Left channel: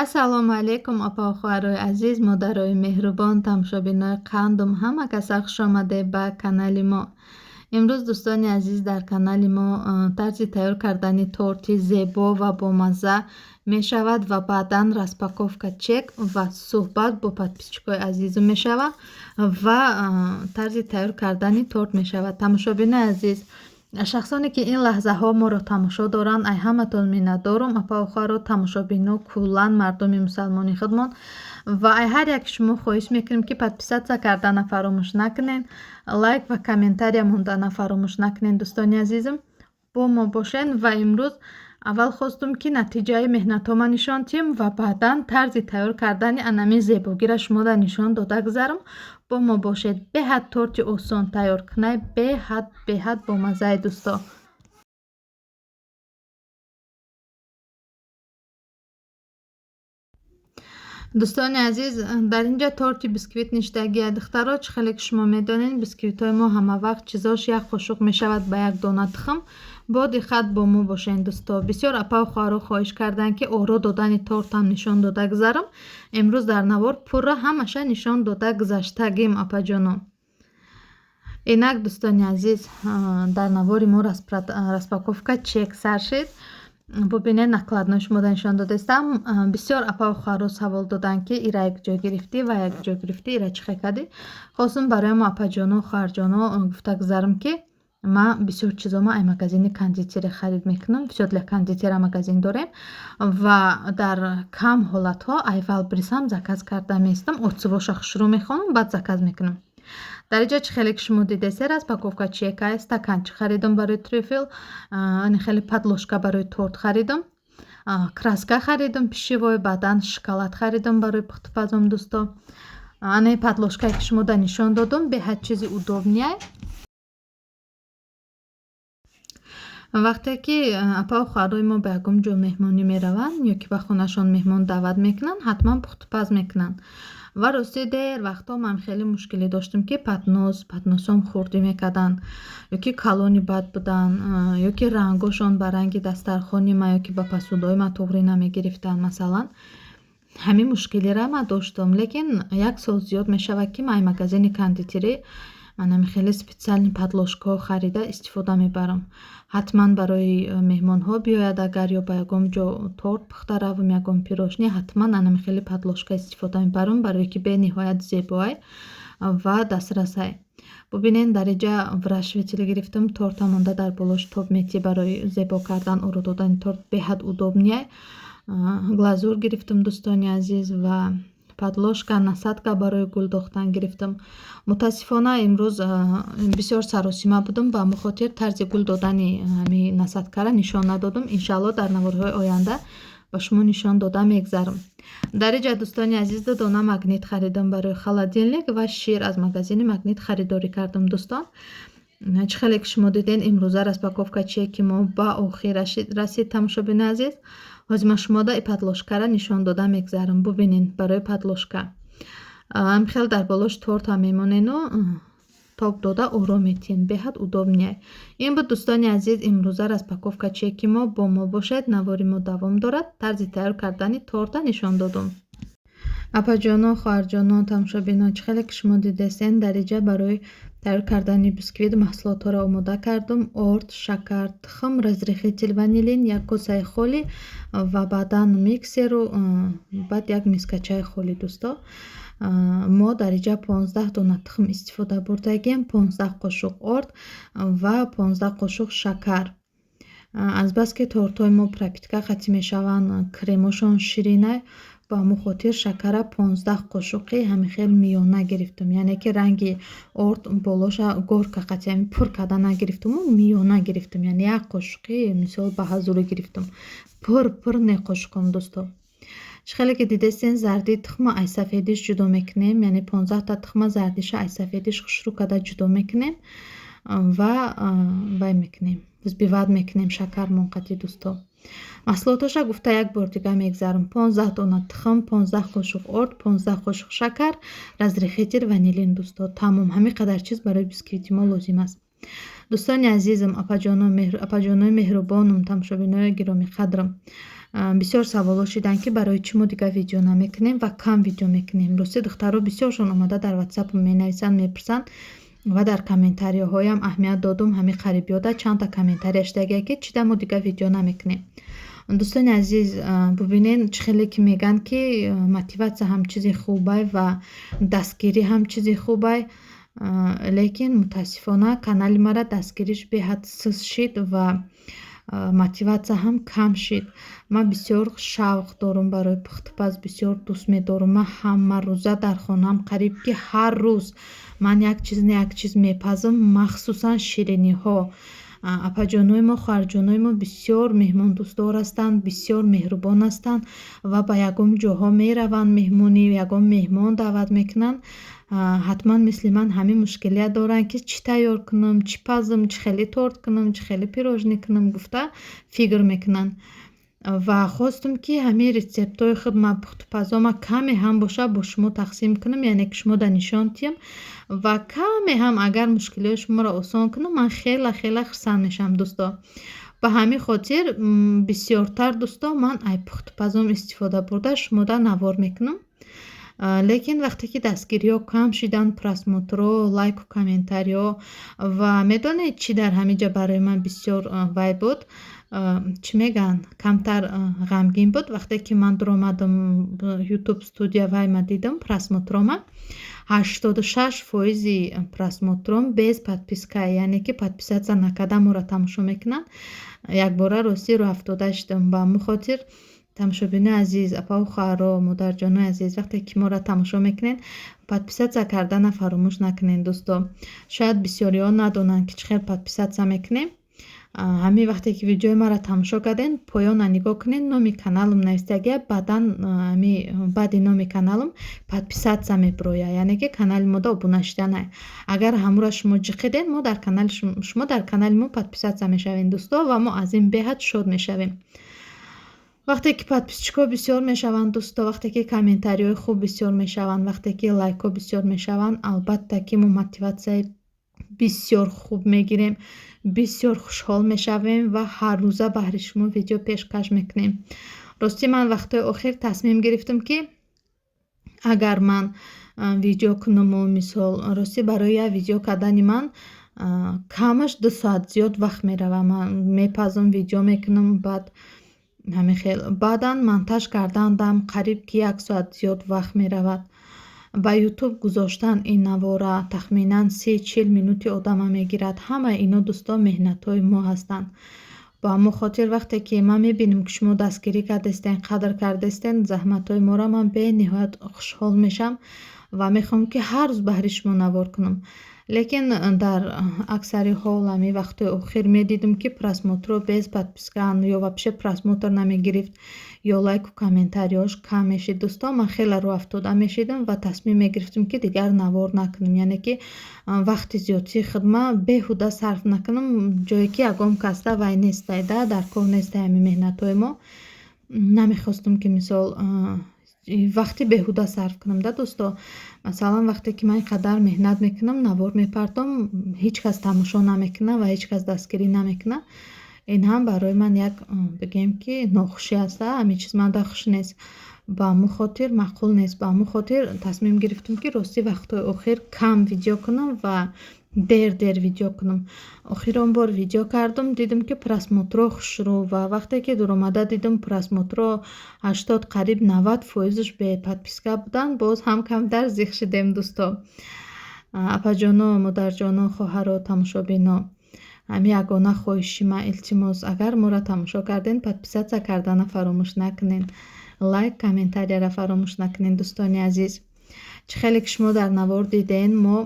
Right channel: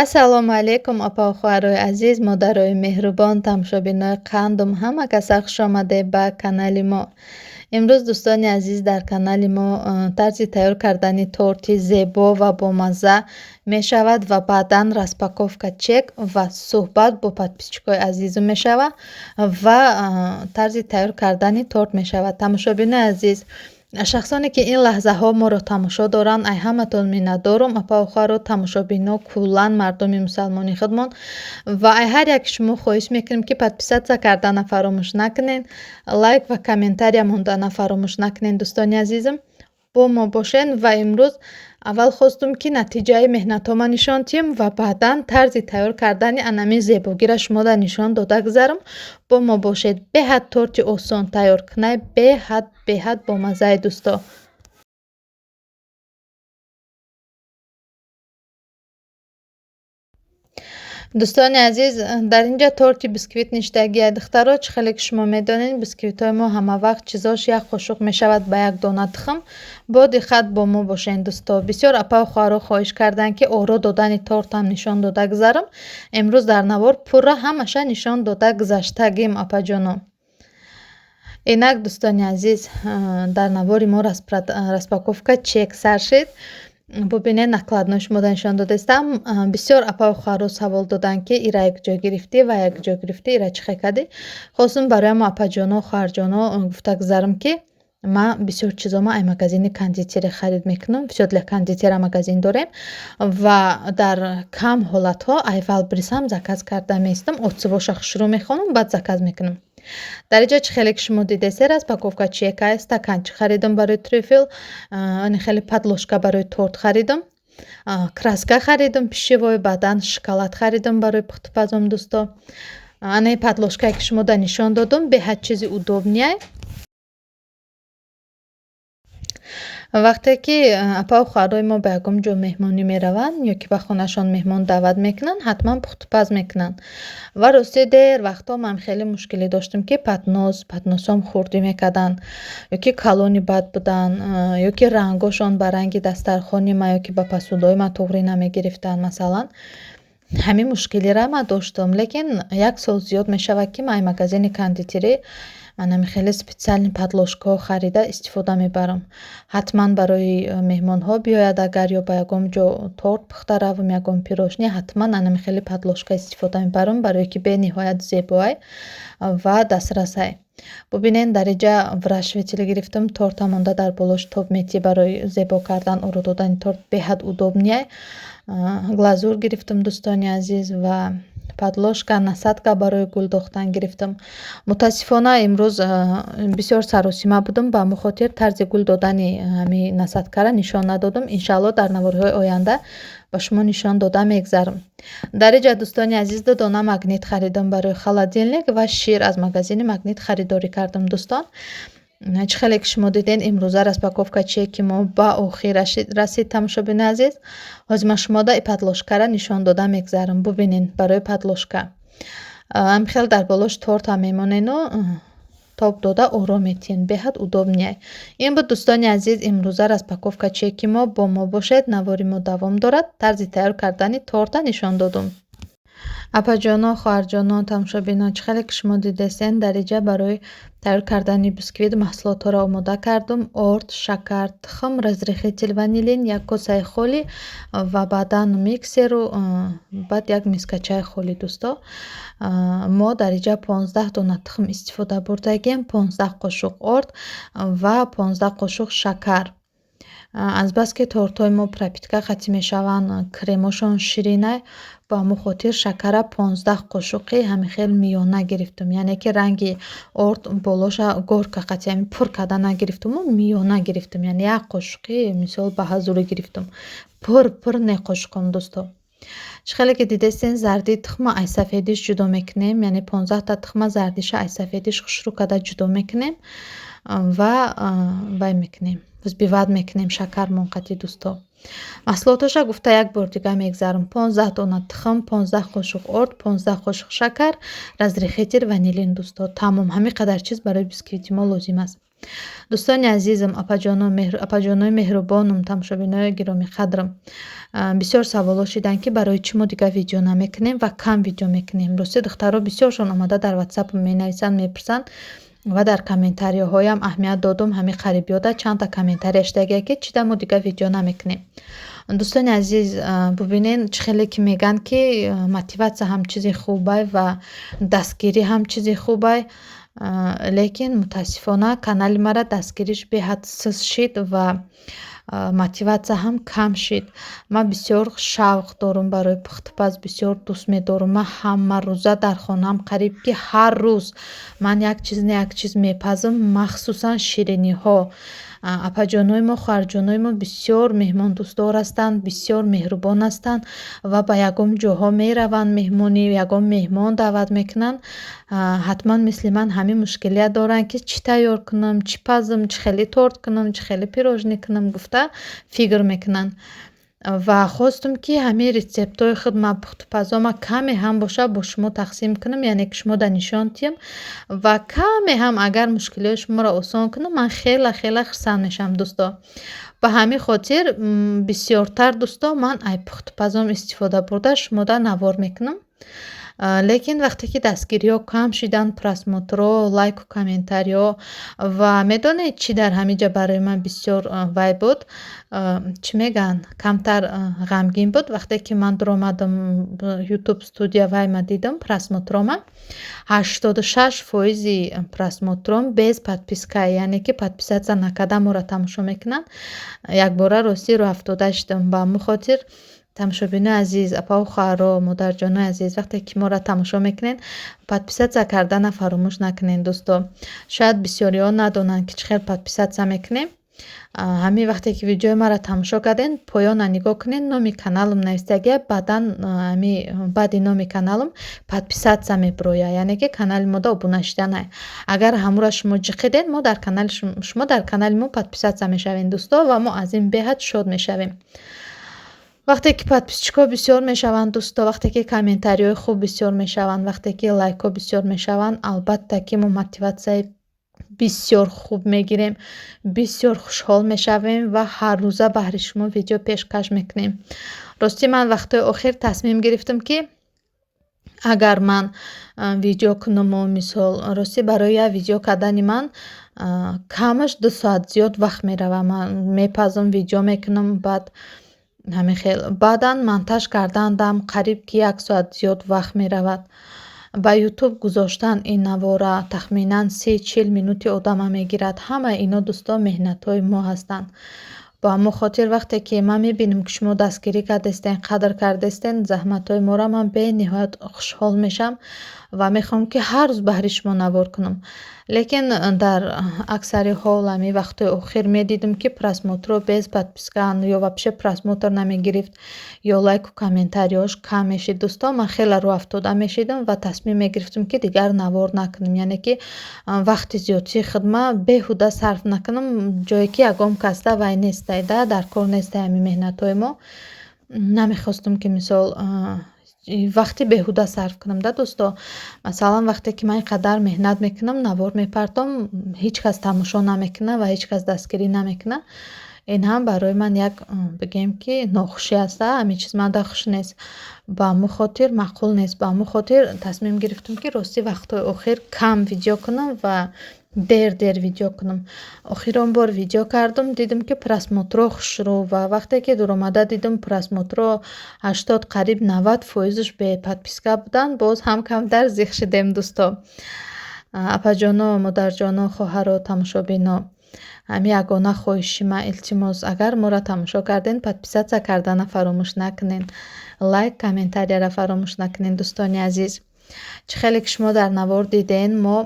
ассалому алайкум опау хоҳарои азиз, модарои меҳрубон, тамошобинои қандум, ҳама каса хуш омадед ба канали мо. имрӯз дӯстони азиз дар канали мо тарзи тайёр кардани торти зебо ва бомазза мешавад ва баъдан распаковка чек ва суҳбат бо подписчикои азизум мешавад ва тарзи тайёр кардани торт мешавад. Тамошобинои азиз, шахсоне ки ин лаҳзаҳо моро тамошо доранд, ай ҳаматон миннатдорум. Апау хоҳаро тамошобино куллан мардуми мусалмони худмон ва ай ҳар як шумо хоҳиш мекунем ки подписатсия кардана фаромӯш накунед, лайк ва комментария мондана фаромӯш накунед. Дӯстони азизам, бо мо бошед ва имрӯз аввал хостум ки натиҷаи меҳнатома нишон диҳем ва баъдан тарзи тайёр кардани анамин зебогиро шумода нишон дода гузарам. бо мо бошед. Беҳад торти осон тайёр кунай, беҳад бомаззаи дӯсто. дӯстони азиз, дар инҷа торти бисквит ништагия духтаро чӣ хеле ки шумо медонед, бисквитҳои мо ҳамавақт чизош як қошуқ мешавад ба як дона тухм. бо диққат бо мо бошед дӯсто. бисёр апау хоҳаро хоҳиш карданд ки оро додани тортам нишон дода гузарам. имрӯз дар навор пурра ҳамаша нишон дода гузаштагим апаҷоно. инак дӯстони азиз, дар навори мо распаковка чек сар шид. бубинед накладнои шумода нишон додастам. бисёр апау хоҳаро савол доданд ки ира якҷо гирифтӣ ва якҷо гирифтӣ, ира чӣ хел кардӣ. хостум барои мо апаҷоно хоҳарҷоно гуфта гузарам ки ман бисёр чизома ай магазини кондитери харид мекунам. бисёр для кондитера магазин дорем ва дар кам ҳолатҳо айвал бирисам заказ карда меистам. отсувоша хушрӯ мехонам, баъд заказ мекунам. дар инҷа чӣ хеле ки шумо дидесед, распаковка чека, стаканчик харидам барои трюфел, хеле падложка барои торт харидам, краска харидам пишивой, баъдан шоколад харидам барои пухтупазом дӯсто. ана падложкае ки шумода нишон додам беҳад чизи удобнияй. вақте ки апау хоҳарои мо ба ягон ҷо меҳмонӣ мераванд ё ки ба хонашон меҳмон даъват мекунанд, ҳатман пухтупаз мекунанд. ва рости дер вақтҳо ман хеле мушкилӣ доштам ки патносам хурдӣ мекарданд ё ки калони бад буданд, ё ки рангошон ба ранги дастархони ман ё ки ба посудҳои ман туғрӣ намегирифтанд. масалан ҳамин мушкилиро ман доштам, лекин як сол зиёд мешавад ки ман магазини кондитерӣ анами хеле специални падложкаҳо харида истифода мебарам. ҳатман барои меҳмонҳо биёяд, агар ё ба ягон ҷо торт пухта равам, ягон пирожнӣ, ҳатман анами хеле падложка истифода мебарам барое ки бениҳоят зебоай ва дастрасай. бубинед дар инҷа врашвители гирифтам, торта монда дар болош тоб метӣ барои зебо кардан оро додани торт беҳад удобнияй. глазур гирифтам дӯстони азиз ва падложка, насадка барои гул дохтан гирифтам. мутаассифона имрӯз бисёр саросима будам, ба ҳамон хотир тарзи гул додани ҳамин насадкаро нишон надодам. иншаалло дар наворҳои оянда ба шумо нишон дода мегзарам. дар инҷа дӯстони азиз ду дона магнит харидам барои холодильник ва шир аз магазини магнит харидорӣ кардам дӯстон. чӣ хеле ки шумо дидед, имрӯза распаковка чеки мо ба охир расид. тамошобини азиз, ҳозир ман шумода и падложкаро нишон дода мегзарам. бубинед барои падложка хел дар болош торта мемонену тоб дода оро метиҳен, беҳад удобнияй. ин буд дӯстони азиз, имрӯза распаковка чеки мо. бо мо бошед, навори мо давом дорад. тарзи тайёр кардани торта нишон додам. апаҷоно, хоҳарҷоно, тамошобинон, чӣ хеле ки шумо дидесен, дар инҷа барои тайёр кардани бисквит маҳсулотҳоро омода кардам. орд, шакар, тухм, разрехитель ванилин, як косаи холӣ ва баъдан миксеру баъд як миска чай холӣ дӯсто. мо дар инҷа 15 дона тухм истифода бурдагем, 15 қошуқ орд ва 15 қошуқ шакар. азбаски тортҳои мо пропитка қатъӣ мешаванд, кремошон ширинай, ба ҳамон хотир шакара 15 қошуқи ҳамихел миёна гирифтам. яъне ки ранги орд болоша горка қатъӣ ҳамин пур карда нагирифтаму, миёна гирифтам. яъне як қошуқи мисол ба ҳазурӣ гирифтам. пур не қошуқам дӯсто. чӣ хеле ки дидесен, зарди тухма ай сафедиш ҷудо мекунем, яъне 15 та тухма зардиша ай сафедиш хушрӯ карда ҷудо мекунем ва вай мекунем, взбиват мекунем шакармон қатъӣ дӯсто. маҳсулотоша гуфта як бор дига мегзарам. 15 дона тухм, 15 қошуқ орд, 15 қошуқ шакар, разрехитель ванилин дӯсто. тамом ҳамин қадар чиз барои бисквити мо лозим аст. дӯстони азизам, апаҷонои меҳрубонам, тамошобинои гироми қадрам, бисёр саволо шиданд ки барои чӣ мо дигар видео намекунем ва кам видео мекунем. Рости духтаро бисёршон омада дар ватсапам менависанд, мепурсанд ва дар комментариҳоям аҳамият додум. Ҳамин қарибиёда чандта комментария шидагия ки чида мо дигар видео намекунем. дӯстони азиз, бубинен чӣ хеле ки мегӯянд ки мотиватсия ҳам чизи хубай ва дастгирӣ ҳам чизи хубай, лекин мутаассифона канали мара дастгириш беҳад сист шид ва мотиватсия ҳам кам шид. Ман бисёр шавқ дорам барои пухтупаз, бисёр дӯст медорам. Ман ҳамарӯза дар хонаам қариб ки ҳар рӯз ман як чиз мепазам, махсусан шириниҳо. апаҷонои мо, хоҳарҷонои мо бисёр меҳмондӯстдор ҳастанд, бисёр меҳрубон ҳастанд ва ба ягон ҷоҳо мераванд, меҳмонӣ, ягон меҳмон даъват мекунанд. ҳатман мисли ман ҳамин мушкилият доранд ки чӣ тайёр кунам, чӣ пазам, чӣ хеле торт кунам, чӣ хеле пирожнӣ кунам гуфта фикр мекунанд. ва хостум ки ҳамин рецептҳои худма, пухтупазома каме ҳам боша бо шумо тақсим кунам, яъне ки шумода нишон диҳам ва каме ҳам агар мушкилиҳои шуморо осон кунам, ман хела хурсанд мешавам дӯсто. ба ҳамин хотир бисёртар дӯсто ман ай пухтупазом истифода бурда шумода навор мекунам. Лекин вақте ки дастгириҳо кам шиданд, просмотрҳо, лайку комментариҳо ва медонед чӣ дар ҳаминҷа барои ман бисёр вай буд, чӣ мегӯянд, камтар ғамгин буд. Вақте ки ман дуромадам ютуб студия вайма дидам просмотрома 86% просмотром без подпискае, яъне ки подписатсия накарда моро тамошо мекунанд. Якбора рости рӯ афтода шидам. Ба ҳамин хотир тамошобинои азиз, апаву хоҳаро, модарҷонои азиз, вақте ки моро тамошо мекунед, подписатсия кардана фаромӯш накунед дӯсто. Шояд бисёриҳо надонанд ки чӣ хел подписатсия мекунем. ҳамин вақте ки видеои маро тамошо кардем, поёна нигоҳ кунед, номи каналам навистагия, баъди номи каналам подписатсия мебирояд, яъне ки канали мода обуна шиданай. Агар ҳамура шумо ҷиқидед, шумо дар канали мо подписатсия мешавед дӯсто ва мо аз ин беҳад шод мешавем. вақте ки подписчикҳо бисёр мешаванд дӯсто, вақте ки комментариҳои хуб бисёр мешаванд, вақте ки лайкҳо бисёр мешаванд, албатта ки мо мотиватсияи бисёр хуб мегирем, бисёр хушҳол мешавем ва ҳаррӯза баҳри шумо видео пешкаш мекунем. рости ман вақтҳои охир тасмим гирифтам ки агар ман видео кунаму мисол рости барои як видео кардани ман камаш 2 соат зиёд вақт мерава. Ман мепазам, видео мекунам, баъдан монтаж кардандам қариб ки 1 соат зиёд вақт меравад. ба ютуб гузоштан ин навора тахминан 30-40 минути одама мегирад. Ҳамаи ино дӯсто меҳнатҳои мо ҳастанд. ба ҳамон хотир вақте ки ман мебинам ки шумо дастгирӣ кардастен, қадр кардастен заҳматҳои моро, ман бениҳоят хушҳол мешавам ва мехоҳам ки ҳар рӯз баҳри шумо навор кунам. лекин дар аксари ҳол ҳамин вақтҳои охир медидам ки просмотрҳо без подпискаанд ё вообще просмотр намегирифт ё лайку комментариҳош кам мешид дӯсто. Ман хеле рӯ афтода мешидам ва тасмим мегирифтам ки дигар навор накунам, яъне ки вақти зиёдии худма беҳуда сарф накунам, ҷое ки ягон касда вай нестай, дар кор нестай ҳамин меҳнатҳои мо. Намехостам ки мисол вақти беҳуда сарф кунам дӯсто. Масалан вақте ки ман ин қадар меҳнат мекунам, навор мепартом, ҳеҷ кас тамошо намекуна ва ҳеҷ кас дастгирӣ намекуна. Ин ҳам барои ман як бигем ки нохушӣ аст. ҳамин чиз манда хуш нест. ба ҳамон хотир маъқул нест. Ба ҳамон хотир тасмим гирифтам ки рости вақтҳои охир кам видео кунам ва дер видео кунам. Охирон бор видео кардам, дидам ки просмотрҳо хушрӯ ва вақте ки дуромада дидам просмотрҳо 80 қариб 90%ш беподписка буданд, боз ҳам камтар зиқ шидем дӯсто. апаҷоно, модарҷоно, хоҳаро, тамошобино, ҳамин ягона хоҳиши ман, илтимос, агар моро тамошо карден, подписатсия кардана фаромӯш накунед, лайк, комментарияра фаромӯш накунед дӯстони азиз. чӣ хеле ки шумо дар навор диден, мо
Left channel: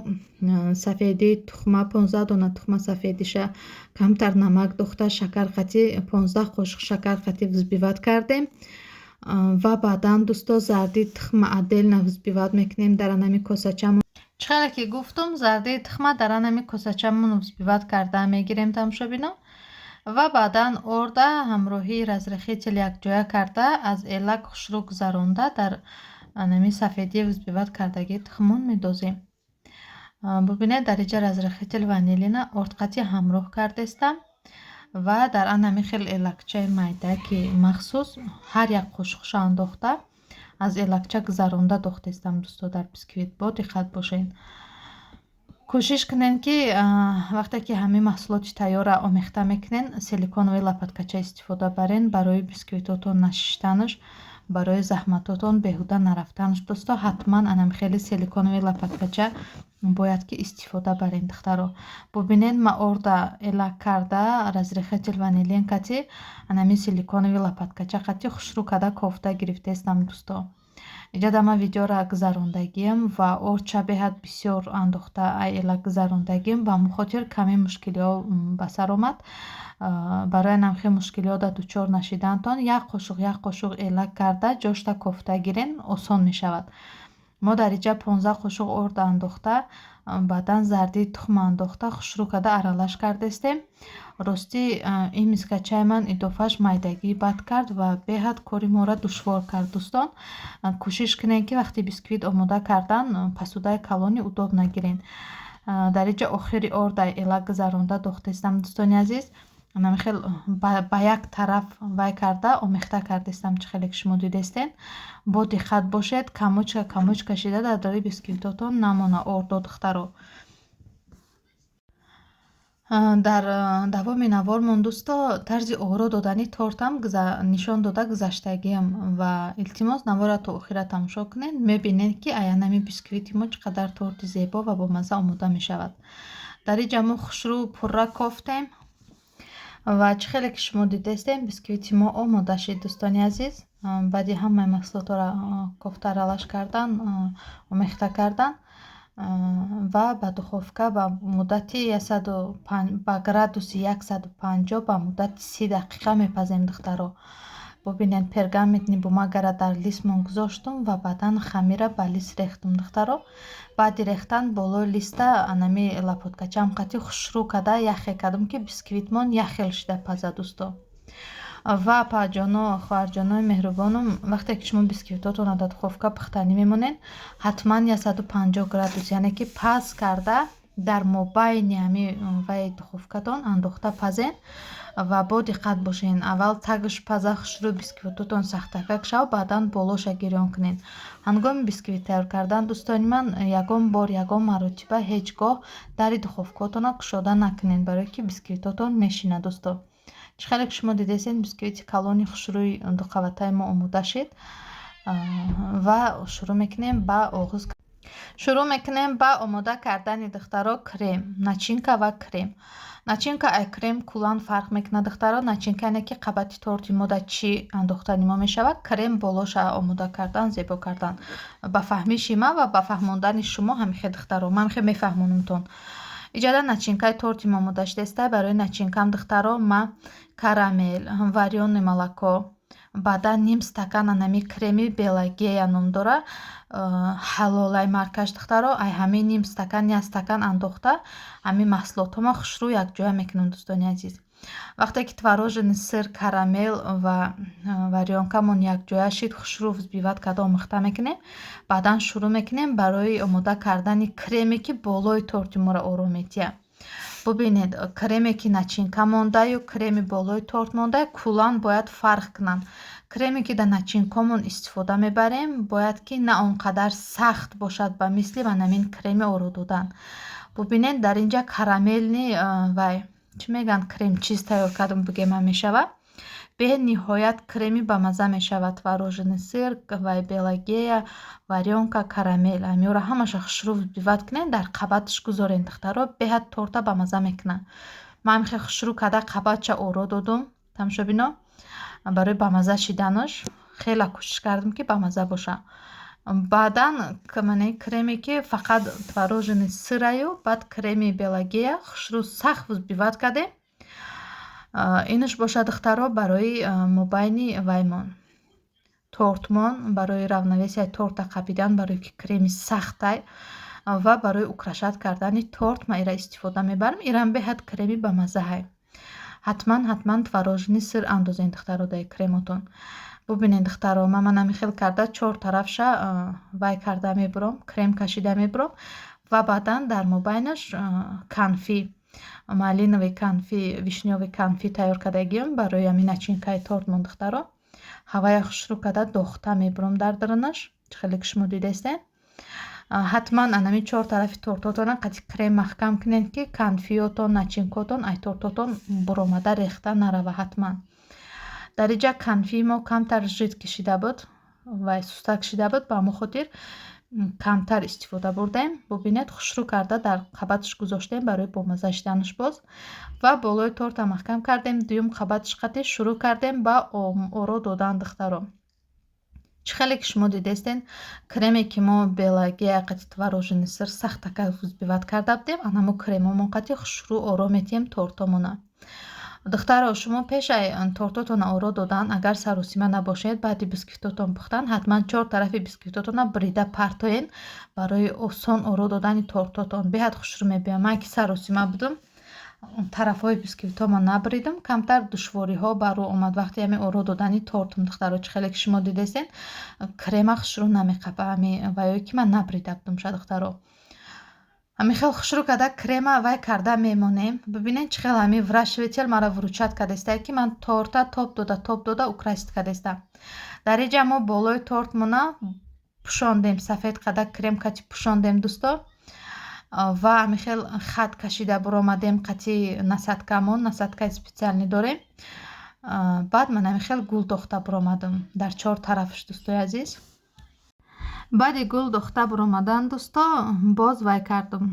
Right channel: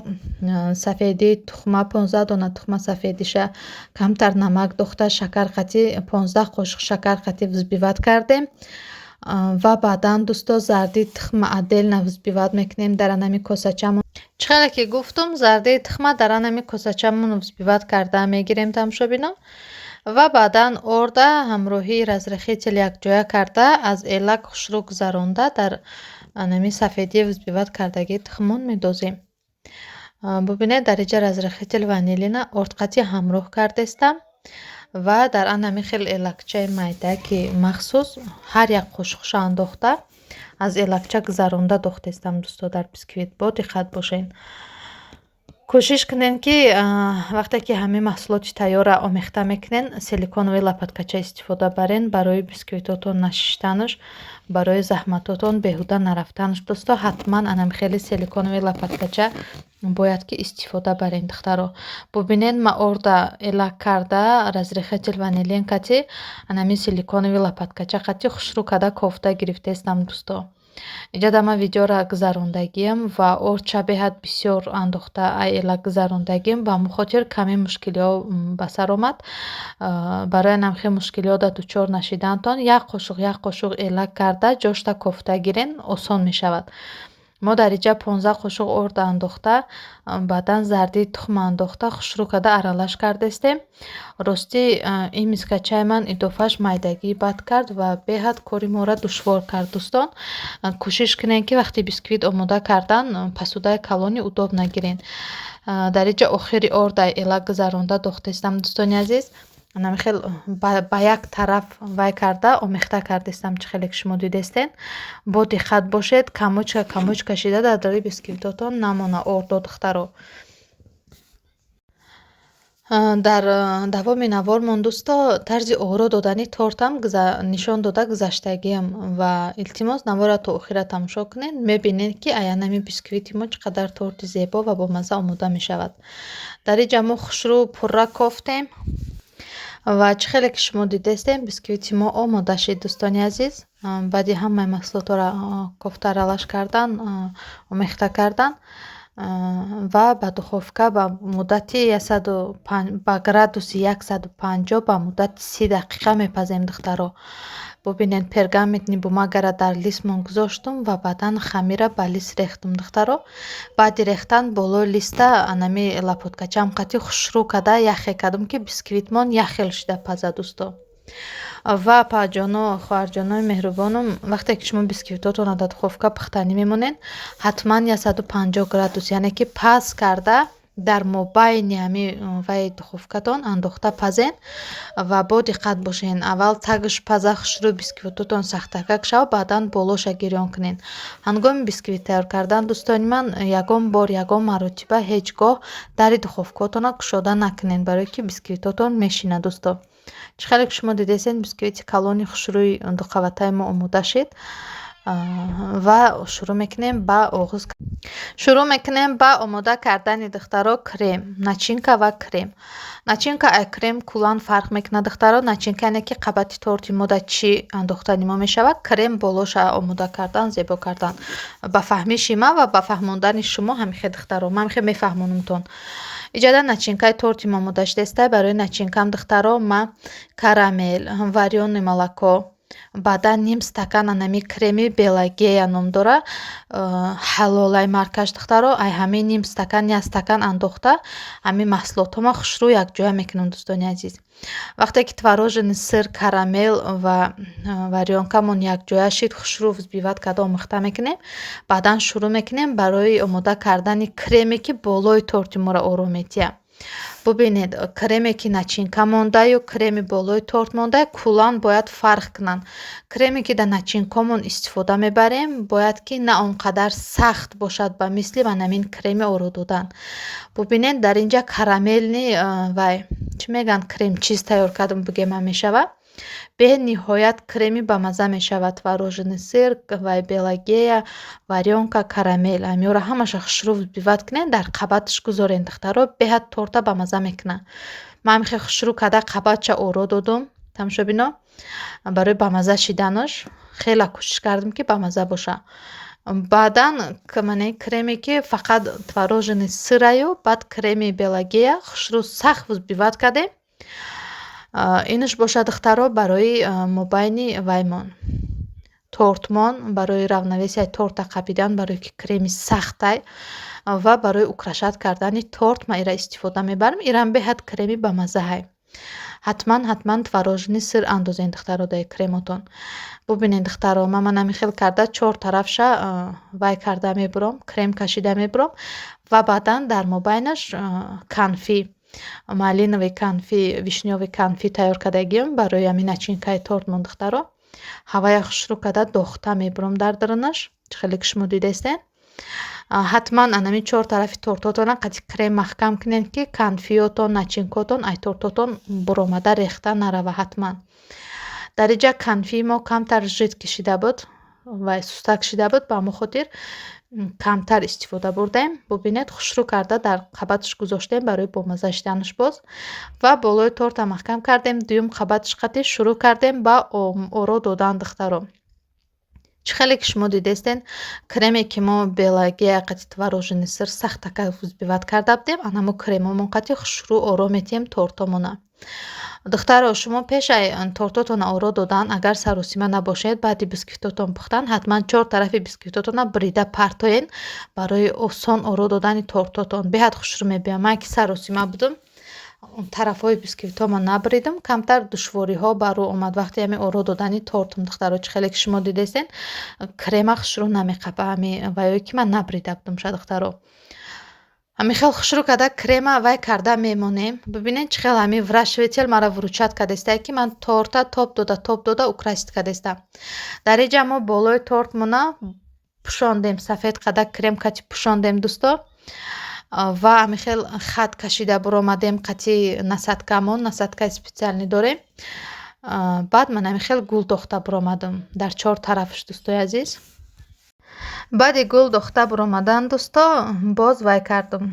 сафедии тухма 15 дона тухма сафедиша камтар намак дохта, шакар қатӣ 15 қошиқ шакар қатӣ взбиват кардем ва баъдан дӯсто зарди тухма отдельно взбиват мекунем дар анами косачамон. чӣ хеле ки гуфтам, зарди тухма дар анами косачамон взбиват карда мегирем тамошобино ва баъдан орда ҳамроҳии разрахитил якҷоя карда аз элак хушрӯ гузаронда дар анами сафедии взбиват кардагии тухмон медозем. бубинед дар инҷа разрехители ванилина ордқати ҳамроҳ кардестам ва дар анами хел элакчаи майда ки махсус ҳар як қошуқша андохта аз элакча гузаронда дохтестам дӯсто дар бисквит. Бо диққат бошен. кӯшиш кунен ки вақте ки ҳамаи маҳсулоти тайёра омехта мекунен силиконови лапаткача истифода барен барои бисквитотон нашиштанаш, барои заҳматотон беҳуда нарафтанаш. Дӯсто ҳатман анамхели силиконови лапаткача бояд ки истифода барен духтаро. Бубинед ма орда элак карда разрехатил ванилин кати анами силиконови лапаткача кати хушрӯ када кофта гирифтестам дӯсто. Инҷа дама видеора гузарондагиям ва орча беҳад бисёр андохта айла гузарондагиям ба мухотир ками мушкилиҳо ба сар омад. Барои намхи мушкилиҳода дучор нашидантон як қошуқ элак карда ҷошта кофта гирен осон мешавад. мо дар инҷа 15 қошуқ орда андохта баъдан зарди тухм андохта хушрӯ када аралаш кардестем. Рости ин мискачаи ман идофааш майдагӣ бад кард ва беҳад кори моро душвор кард дӯстон. Кӯшиш кунен ки вақти бисквит омода кардан пасудаи калони удобна гирен. Дар инҷа охири орда элак гузаронда дохтестам дӯстони азиз. намехел ба як тараф вай карда омехта кардестам чӣ хеле ки шумо дидестен. Бо диққат бошед камоч кашида дар дори бисквитотон намона ордо духтаро. дар давоми навормон дӯсто тарзи оро додани тортам нишон дода гузаштагиам ва илтимос навора то охира тамошо кунед. мебинед ки аянами бисквити мо чӣ қадар торти зебо ва бомазза омода мешавад. дар инҷа мо хушрӯ пурра кофтем ва чӣ хеле ки шумо дидестем бисквити мо омода шид дӯстони азиз. баъди ҳамаи маҳсулотро кофта аралаш кардан омехта кардан ва ба духовка ба муддати ба градуси 150 ба муддати 30 дақиқа мепазем духтаро. бубинед пергаментни бумагара дар листмон гузоштум ва баъдан хамира ба лист рехтум духтаро. баъди рехтан болои листа анами лапоткачам қати хушрӯ када яхе кардам ки бисквитмон яхел шида паза дӯсто. ва паҷоно хоҳарҷонои меҳрубонам вақте ки шумо бисквитотонро дар духовка пухтанӣ мемонед ҳатман 150 градус яъне ки паз карда дар мобайни ҳами вай духовкатон андохта пазен ва бо диққат бошен. аввал тагиш паза хушрӯ бисквитотон сахтакак шавад баъдан болоша гирён кунен. ҳангоми бисквит тайёр кардан дӯстони ман ягон маротиба ҳеҷ гоҳ дари духовкатонро кушода накунен барое ки бисквитотон мешина дӯсто. чӣ хеле ки шумо дидестен бисквити калони хушрӯи дуқаватаи мо омода шид ва шурӯъ мекунем ба омода кардани духтаро крем, начинка ва крем. начинка ай крем куллан фарқ мекунад духтаро. начинка яъне ки қабати торти мо дар чӣ андохта нимо мешавад. крем болоша омода кардан зебо кардан ба фаҳмиши ман ва ба фаҳмондани шумо ҳамихе духтаро. ман ҳамихе мефаҳмонамтон. иҷода начинкаи торти мо омода шудеста. барои начинкам духтаро ма карамел, варёни молоко, баъдан ним стакан анами креми белагея ном дора ҳалолай маркаш духтаро. ай ҳамаи ним стакан як стакан андохта ҳамаи маҳсулотҳоро хушрӯ якҷоя мекунам дӯстони азиз. вақте ки творожени сир, карамел ва варёнкамон якҷоя шид хушрӯ взбиват карда омехта мекунем. баъдан шурӯъ мекунем барои омода кардани креме ки болои торти моро оро метиҳад. бубинед креме ки начинка мондаю креми болои торт монда куллан бояд фарқ кунанд. креме ки дар начинкамон истифода мебарем бояд ки на он қадар сахт бошад ба мисли ванамин креми оро додан. бубинед дар инҷа карамелни вай чӣ мегӯянд кремчиз тайёр кардам бигема мешавад. бениҳоят креми ба мазза мешавад. творожени сир, вай белагея, варёнка, карамел ҳамиёро ҳамаша хушрӯ взбиват кунед дар қабаташ гузорен духтаро. беҳад торта ба мазза мекунад. ман ҳамихе хушрӯ карда қабатша оро додум тамошобино барои ба мазза шиданаш хеле кӯшиш кардам ки ба мазза боша. баъдан креме ки фақат творожени сираю баъд креми белагея хушрӯ сахт взбиват кардем. инаш бошад духтаро барои мобайни ваймон тортмон барои равнавесияи торта қабидан барое ки креми сахтай ва барои украшат кардани торт ман ира истифода мебарам. ирам беҳад креми ба маззаҳай. ҳатман творожени сир андозен духтаро дар кремотон. бубинед духтаро ман намихел карда 4 тарафша вай карда мебурам крем кашида мебурам ва баъдан дар мобайнаш канфи, малиновый канфи, вишнёвый канфи тайёр кардагиём барои ҳамин начинкаи тортмон духтаро. ҳавая хушрӯ карда дохта мебурам дар дарунаш. Чӣ хеле ки шумо дидестен. ҳатман анами чор тарафи тортотона қати крем маҳкам кунед, ки канфиётон, начинкотон ай тортотон буромада рехта нарава. ҳатман дариҷа канфии мо камтар жид кишида буд ва суста кишида буд, ба ҳамон хотир камтар истифода бурдаем. бубинед хушрӯ карда дар қабаташ гузоштем барои бомаза шиданаш боз ва болои торта маҳкам кардем. дуюм қабаташ қати шурӯъ кардем ба оро додан духтаро. чӣ хеле ки шумо дидестен креме ки мо белагия қати творожени сир сахтака взбиват карда будем, анамо кремомон қати хушрӯъ оро метиҳем тортомона. духтаро шумо пешай тортотона оро додан агар саросима набошед, баъди бисквитотон пухтан ҳатман чор тарафи бисквитотона брида партоен барои осон оро додани тортотон. беҳад хушрӯъ мебиёяд. ман ки саросима будам, тарафҳои бисквитомо набридам, камтар душвориҳо ба рӯ омад вақте ҳами оро додани тортам духтаро. чӣ хеле ки шумо дидестен крема хушрӯъ намеқапа ҳами ваёе ки ман набрида будам ша духтаро. ҳами хел хушрӯъ карда крема вай карда мемонем. бибинед чӣ хел ҳами врашветел мара вручат кардестае ки ман торта топ дода украсит кардестам. дариҷа мо болои тортмона пӯшондем, сафед қада крем кати пӯшондем дӯсто ва ҳами хел хат кашида буромадем қати насадкамон, насадкаи специални дорем. баъд ман ҳами хел гул дохта буромадам дар чор тарафаш дӯстои азиз. баъди гул дохта буромадан дӯсто боз вай кардам.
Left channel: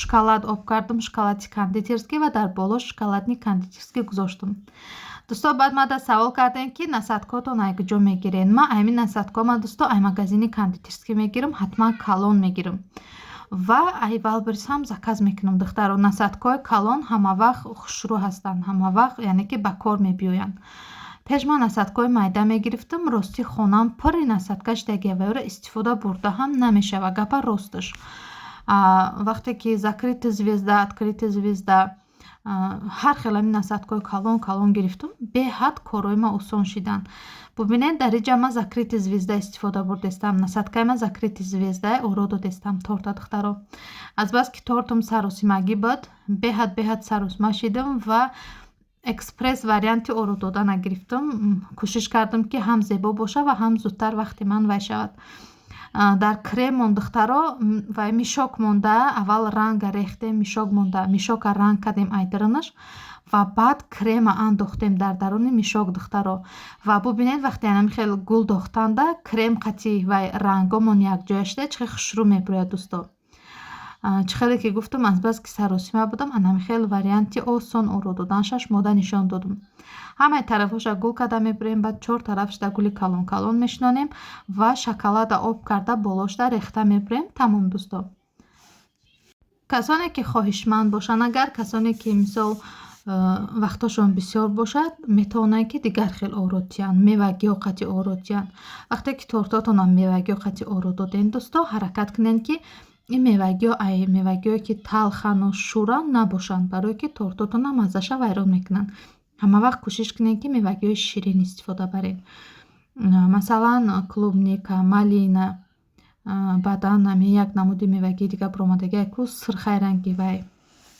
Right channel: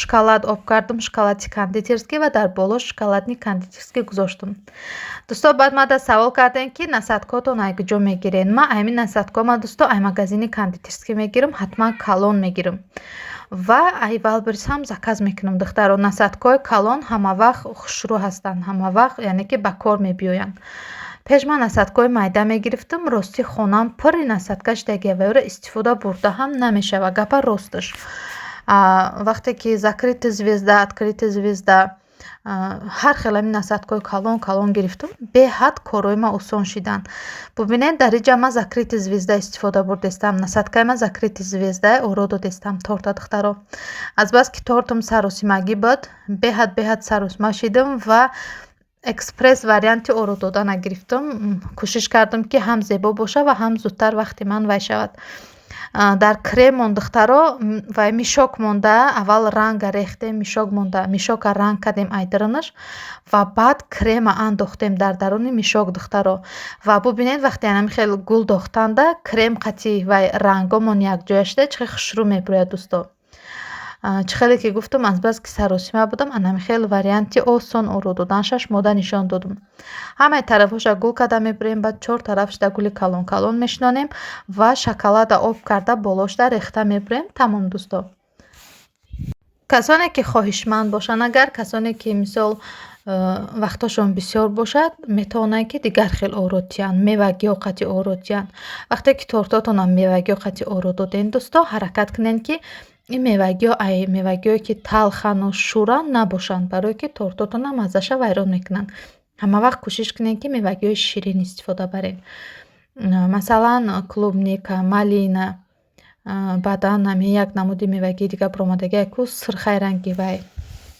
шоколад об кардам, шоколади кондитерский ва дар боло шоколадни кондитерский гузоштам. дӯсто баъд мада савол кардем ки насадкотон ай куҷо мегирен. ман ҳамин насадкома дӯсто ай магазини кондитерский мегирам, ҳатман калон мегирам ва ай валберис ҳам заказ мекунам духтаро. насадкои калон ҳама вақт хушрӯъ ҳастанд, ҳама вақт яъне ки ба кор мебиёянд. пеш ман насадкои майда мегирифтам, рости хонам пури насадка шудаги ваёра истифода бурда ҳам намешава. гапа росташ. вақте ки закрыта звезда, открыта звезда, ҳар хел ҳамин насадкои калон гирифтам, беҳад корои ман осон шиданд. бубинед дариҷа ман закрыта звезда истифода бурдестам, насадкаи ман закрыта звездаи оро додестам торта духтаро. азбаски тортам саросимагӣ буд, беҳад саросима шидам ва экспресс варианти оро додана гирифтам. кӯшиш кардам ки ҳам зебо боша ва ҳам зудтар вақти ман вай шавад. дар кремон духтаро вай мишок монда, аввал ранга рехтем, мишока ранг кардем айдаронаш ва баъд крема андохтем дар даруни мишок духтаро. ва бубинед вақте ҳами хел гул дохтанда крем қати вай рангомон якҷоя шуда чӣ хел хушрӯъ мебурӯяд дӯсто. чӣ хеле ки гуфтам азбаски саросима будам, анами хел варианти осон оро доданашаш мода нишон додам. ҳамаи тарафҳоша гул карда мебурем, баъд чор тарафшда гули калон мешинонем ва шоколада об карда болошда рехта мебурем. тамом дӯсто. касоне ки хоҳишманд бошанд, агар касоне ки мисол вақтошон бисёр бошад, метавонанд ки дигар хел оро диҳанд, мевагиҳо қати оро диҳанд. вақте ки тортотонам мевагиҳо қати оро додем дӯсто, ҳаракат кунед ки ин мевагиҳое ки талхану шӯранд набошанд, барое ки тортотона маззаша вайрон мекунанд. ҳама вақт кӯшиш кунед ки мевагиҳои ширин истифода баред. масалан клубника, малина, баъдан ҳамин як намуди мевагии дига буромадагие ку сирхай ранги вай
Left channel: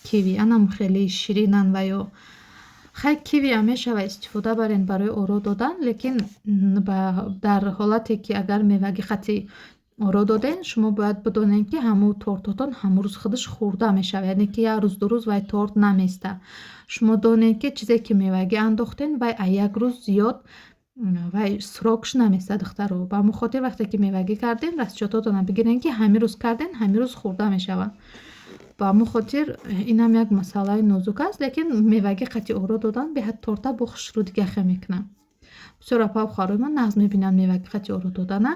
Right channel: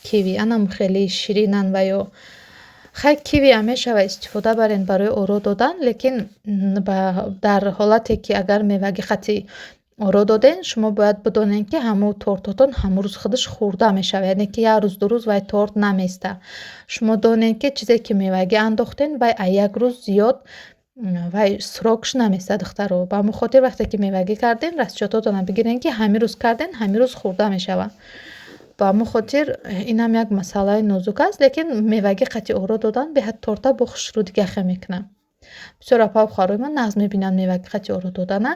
киви, анам хеле ширинанд ва ё хай киви ҳам мешава истифода баред барои оро додан. лекин дар ҳолате ки агар меваги қати оро доден, шумо бояд бидонед ки ҳамун тортотон ҳамун рӯз худаш хӯрда мешавад, яъне ки як рӯз ду рӯз вай торт наместа. шумо донед ки чизе ки мевагӣ андохтен вай як рӯз зиёд вай срокш наместа духтаро. ба ҳамон хотир вақте ки мевагӣ карден, расчётотона бигирен ки ҳамин рӯз карден, ҳамин рӯз хӯрда мешавад. ба ҳамон хотир инам як масъалаи нозук аст, лекин мевагӣ қати оро додан беҳад торта бо хушрӯъ дигаха мекунад. бисёр апа ва хӯрои ман нағз мебинам мевагӣ қати оро додана.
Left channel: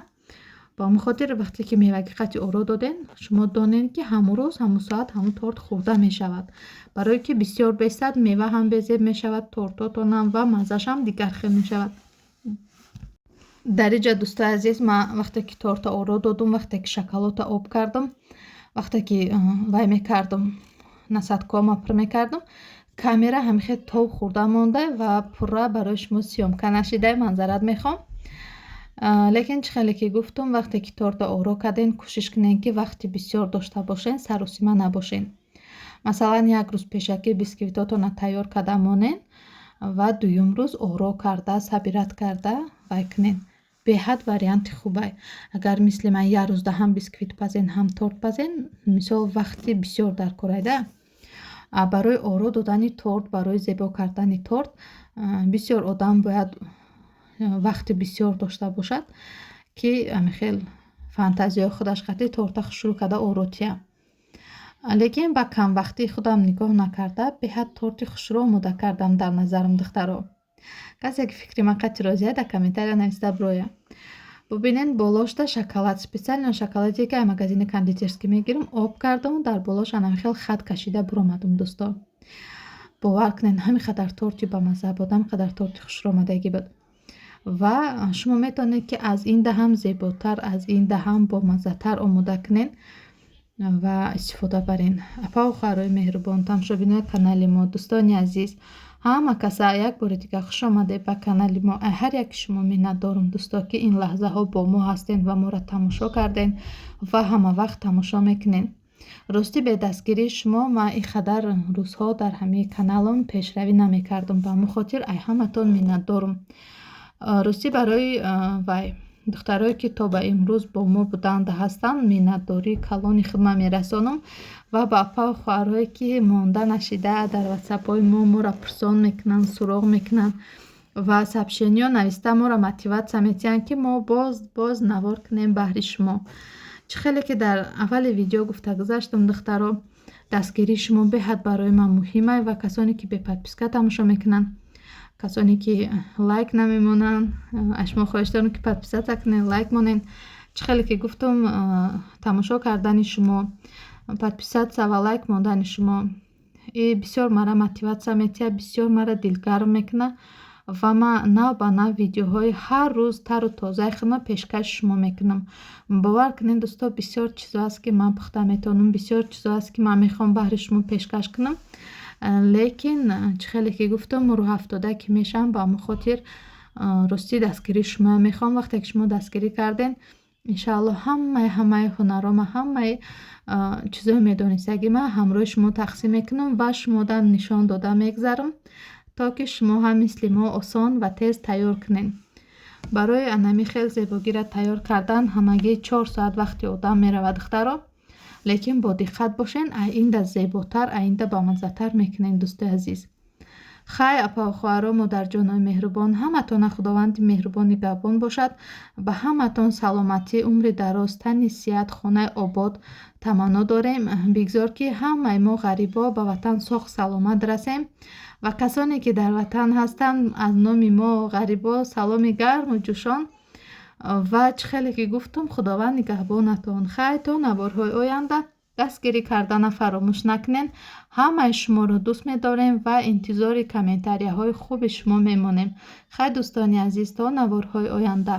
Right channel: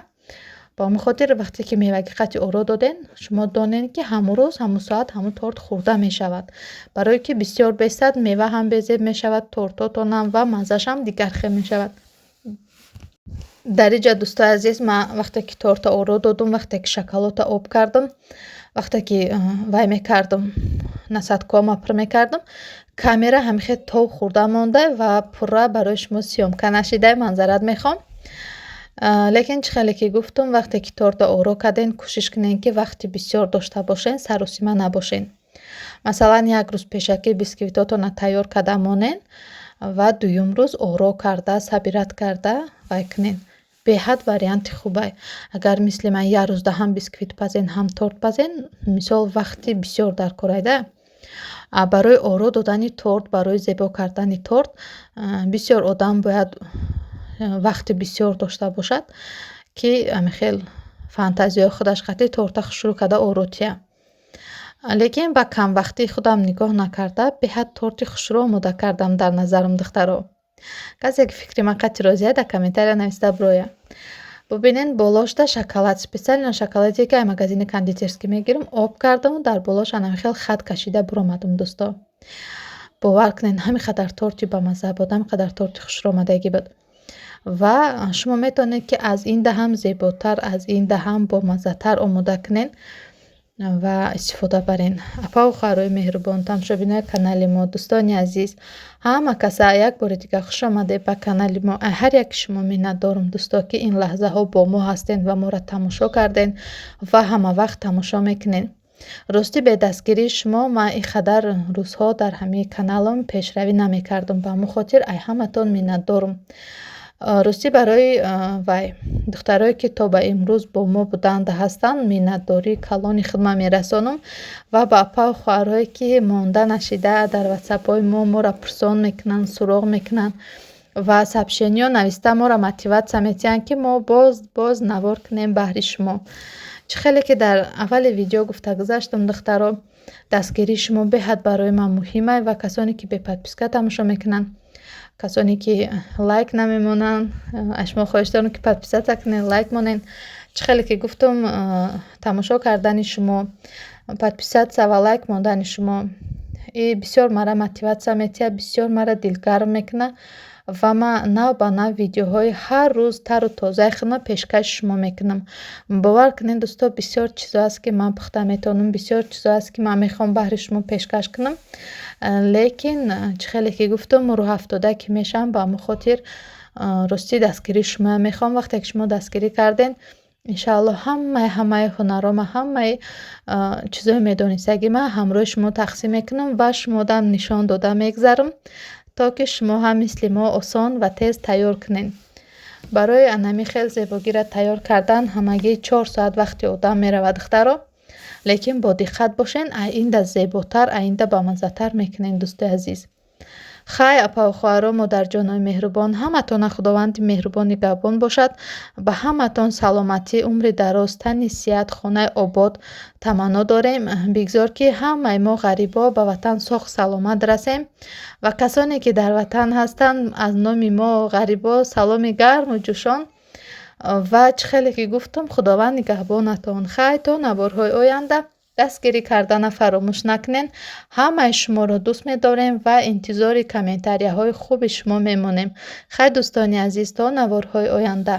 ба ҳамон хотир вақте ки мевагӣ қати оро доден, шумо донед ки ҳамун рӯз, ҳамун соат ҳамун торт хӯрда мешавад. барое ки бисёр бесад, мева ҳам безеб мешавад, тортотонам ва маззашам дигар хел мешавад. дариҷа дӯстои азиз, ман вақте ки торта оро додам, вақте ки шоколода об кардам, вақте ки вай мекардам, насадкома пур мекардам, камера ҳамихел тов хӯрда монда ва пурра барои шумо сиёмка нашида. манзарат мехоҳам. лекин чӣ хеле ки гуфтум, вақте ки торта оро карден, кӯшиш кунен ки вақти бисёр дошта бошен, саросима набошен. Масалан, як рӯз пешакӣ бисквитотонро тайёр карда монен ва дуюм рӯз оро карда, сабират карда вай кунен. Беҳад варианти хубай. Агар мисли ман як рӯзда ҳам бисквит пазен, ҳам торт пазен, мисол вақти бисёр дар кор айда. Барои оро додани торт, барои зебо кардани торт бисёр одам бояд вақти бисёр дошта бошад, ки амихел фантазияи худаш қатӣ торта хушрӯ карда оротия. Лекин ба камвақтии худам нигоҳ накарда, беҳад торти хушрӯ омода кардам дар назарам духтаро. Касе ки фикри ман қатӣ розия, дар комментария нависта бироя. Бубинен болошда шоколад, специально шоколаде ки ай магазини кондитерский мегирам, об кардаму дар болош анамихел хат кашида биромадам дӯсто. бовар кунед ҳамин қадар торти бамаза буд, ҳамин қадар торти хушрӯомадагӣ буд. Ва шумо метавонед ки аз ин даҳам зеботар, аз ин даҳам бомазатар омода кунед ва истифода барен. Апа ва хоҳарои меҳрубон, тамошобинони канали мо, дӯстони азиз, ҳама каса як бори дигар хуш омадед ба канали мо. Ҳар яки шумо миннатдорам дӯсто, ки ин лаҳзаҳо бо мо ҳастед ва моро тамошо карден ва ҳама вақт тамошо мекунед. Рости бе дастгирии шумо ман ин қадар рӯзҳо дар ҳамаи каналам пешравӣ намекардам. Ба ҳамон хотир ай ҳаматон миннатдорам. рости барои вай духтарое ки то ба имрӯз бо мо буданда ҳастанд, миннатдории калони хидмат мерасонам ва ба апа ва хоҳарое ки монда нашида дар ватсапҳои мо моро пурсон мекунанд, суроғ мекунанд ва сообщениё нависта моро мотиватсия медиҳанд, ки мо боз навор кунем баҳри шумо. чӣ хеле ки дар аввали видео гуфта гузаштам духтаро, дастгирии шумо беҳад барои ман муҳима ва касоне ки беподписка тамошо мекунанд, касоне ки лайк намемонанд, аз шумо хоҳиш дорам ки подписатсия кунед, лайк монед. чӣ хеле ки гуфтам, тамошо кардани шумо, подписатсия ва лайк мондани шумо бисёр мара мотиватсия медиҳад, бисёр мара дилгарм мекунад ва ман нав ба нав видеоҳои ҳар рӯз тару тозаи худро пешкаши шумо мекунам. бовар кунед дӯсто, бисёр чизо аст ки ман пухта метавонам, бисёр чизо аст ки ман мехоҳам баҳри шумо пешкаш кунам. лекин чӣ хеле ки гуфтам, рӯҳ афтода ки мешавам, ба ҳамон хотир рости дастгирии шумо мехоҳам. вақте ки шумо дастгирӣ карден, иншааллоҳ ҳамаи ҳунарома, ҳамаи чизои медонистагӣ ман ҳамроҳи шумо тақсим мекунам ва шумодам нишон дода мегзарам, то ки шумо ҳам мисли мо осон ва тез тайёр кунед. барои анами хел зебогиро тайёр кардан ҳамагӣ 4 соат вақти одам меравад духтаро. лекин бо диққат бошен, аинда зеботар, аинда бамазатар мекунен дӯстои азиз. хай апа ва хоҳаро, модарҷонои меҳрубон, ҳаматона худованди меҳрубон нигоҳбон бошад. ба ҳаматон саломатӣ, умри дароз, тани сиҳат, хонаи обод таманно дорем. бигзор ки ҳамаи мо ғарибо ба ватан соғ саломат расем ва касоне ки дар ватан ҳастанд, аз номи мо ғарибо саломи гарму ҷӯшон ва чӣ хеле ки гуфтам, худованд нигаҳбонатон. хай то наворҳои оянда дастгирӣ кардана фаромӯш накунед. ҳамаи шуморо дӯст медорем ва интизори комментарияҳои хуби шумо мемонем. хай дӯстони азиз, то наворҳои оянда.